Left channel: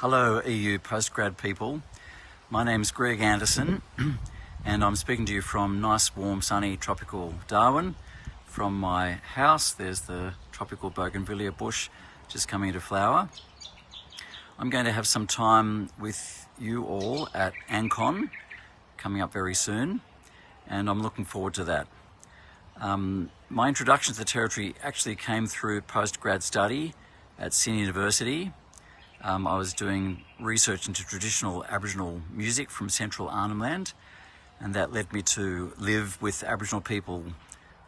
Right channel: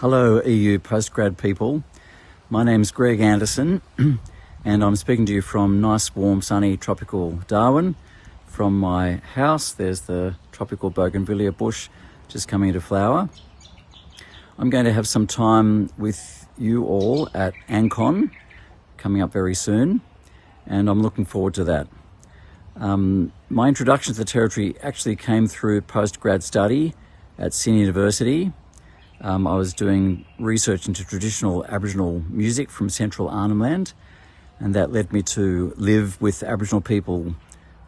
Hello EU postgrad people, my name's Greg Anderson and I'm speaking to you from nice warm sunny tropical Darwin. From my house there's the tropical bougainvillea bush just coming into flower. I'm going to have some time with you all at AnCon coming up very soon and I'm looking forward to that. My introduction to the territory actually came through postgrad study at Sydney University. I was doing research into traditional Aboriginal music from central Arnhem land, and that led me to live with Aboriginal people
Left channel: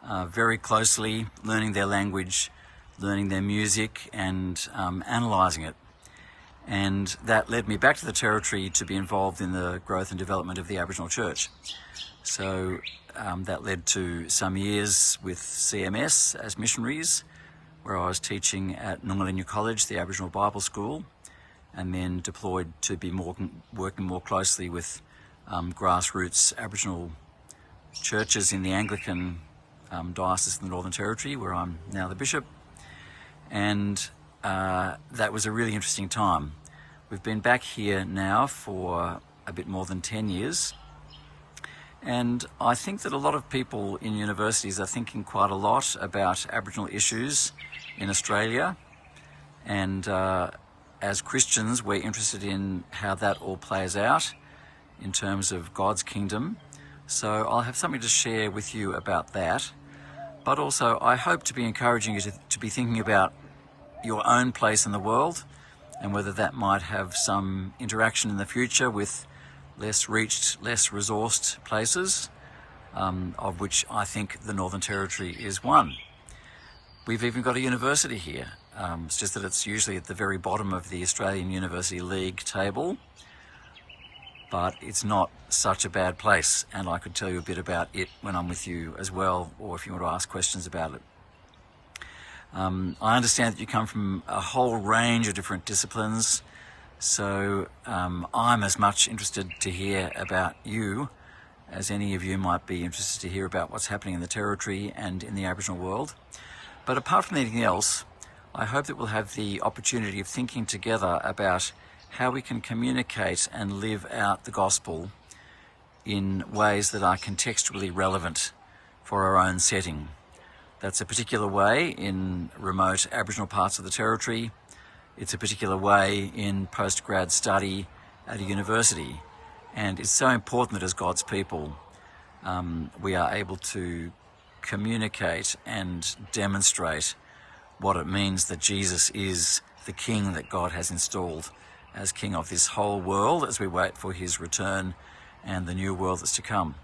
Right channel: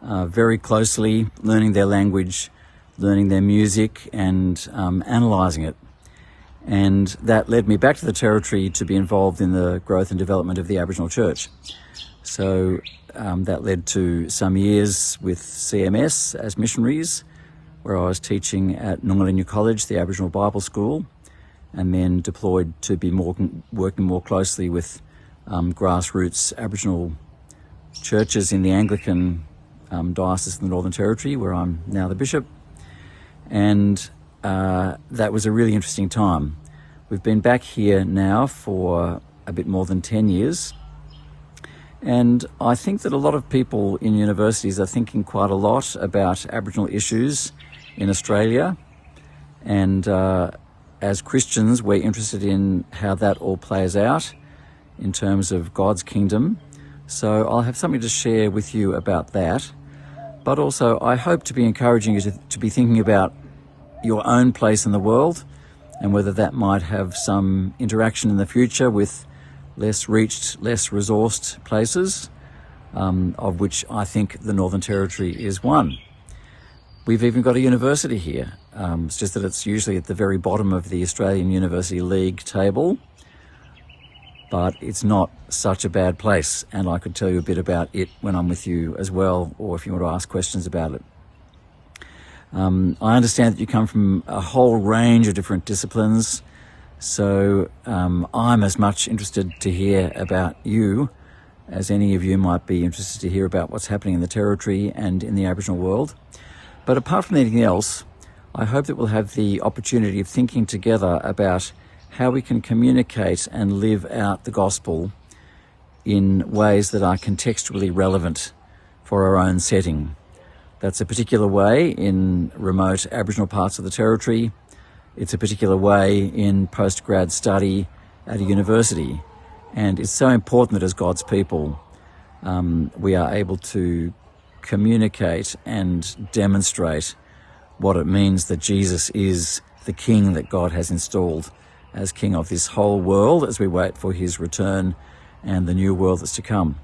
very closely, learning their language, learning their music and analysing it. And that led me back to the territory to be involved in the growth and development of the Aboriginal Church. So that led to some years with CMS as missionaries, where I was teaching at Anglican College, the Aboriginal Bible School, and then deployed to be working more closely with grassroots Aboriginal churches in the Anglican diocese in the Northern Territory, where I'm now the bishop. And that was a really interesting time. We've been back here now for a bit more than 10 years. And I think that a lot of people in universities are thinking quite a lot about Aboriginal issues in Australia. And as Christians, we're interested in how that all plays out in terms of God's kingdom. So I'll have something to share with you about that. But also, I hope to be encouraging you to be thinking about your own place in the world and whether that might have some interaction in the future with less reached, less resourced places, of which I think the Northern Territory is one. We've even got a university here. It's just that it's usually at the very bottom of the Australian University League table, but it's not such a bad place, and I could tell you a bit about it when I'm with you as well, or if you want to ask questions about it. I understand that you come from a whole range of different disciplines, so I'm as much interested to hear about you as any of you might be interested to hear about what's happening in the Territory and in the Aboriginal world. But apart from anything else, I hope that we'll have the opportunity of thinking together about how we can communicate and live out the gospel in ways that are contextually relevant for our own setting. That's a particular way in remote Aboriginal parts of the Territory. It's a particular way in postgrad study at a university. And it's so important that as God's people, we are able to communicate and demonstrate what it means that Jesus is the King that God has installed as King of this whole world as we wait for his return and the new world that's to come.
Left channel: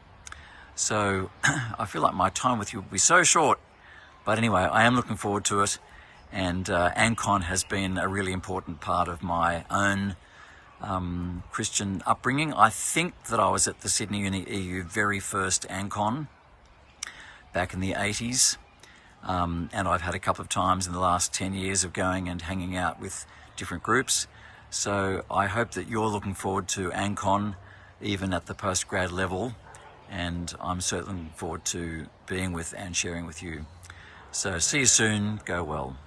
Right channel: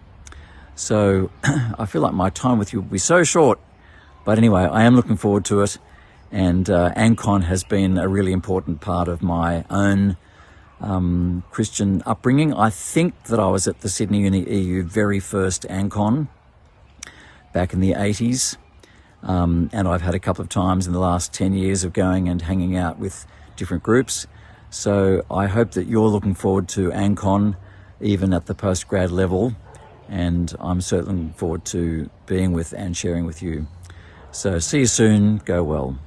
So I feel like my time with you will be so short, but anyway, I am looking forward to it, and AnCon has been a really important part of my own Christian upbringing. I think that I was at the Sydney Uni EU very first AnCon back in the 80s. And I've had a couple of times in the last 10 years of going and hanging out with different groups. So I hope that you're looking forward to AnCon, even at the postgrad level. And I'm certainly looking forward to being with and sharing with you. So see you soon. Go well.